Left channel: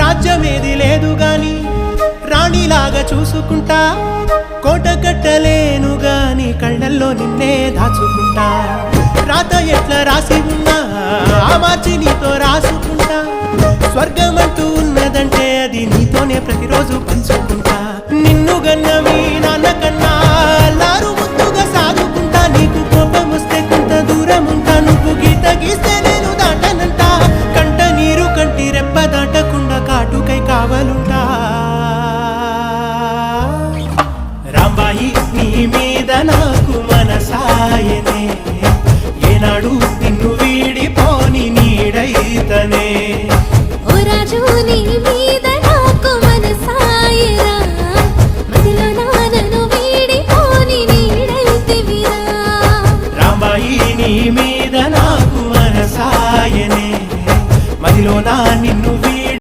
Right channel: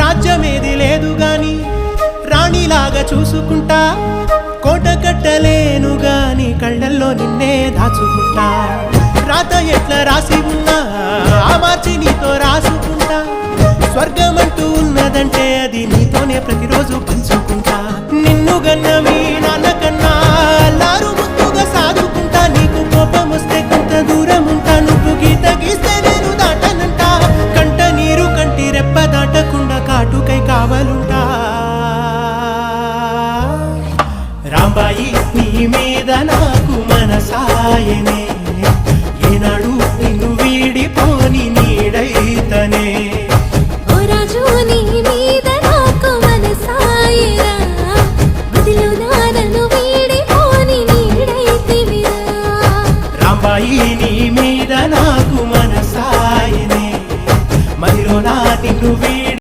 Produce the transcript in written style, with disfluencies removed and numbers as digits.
రాజ్యమేది లేదు గాని రాణిలాగా చూసుకుంటా, కోట కట్టలేను గాని కళ్ళల్లో నిన్నే దాచుకుంటా. రాత ఎట్లా రాసి ఉన్నా ఆ మార్చి నీతో రాసుకుంటా. స్వర్గమంటూ ఉన్నదంటే అది నీతోనే ప్రతిరోజు పంచుకుంటా. నిన్ను గన్న మీ నాన్న కన్నా అల్లారు ముద్దుగా సాదుకుంటా. నీకు కోపం వస్తే కొంత దూరం ఉంటా, నువ్వు గీత గీస్తే నేను దాటనంటా. కంట నీరు కంటి రెప్ప దాటకుండా కాటుకై కావలుంటా.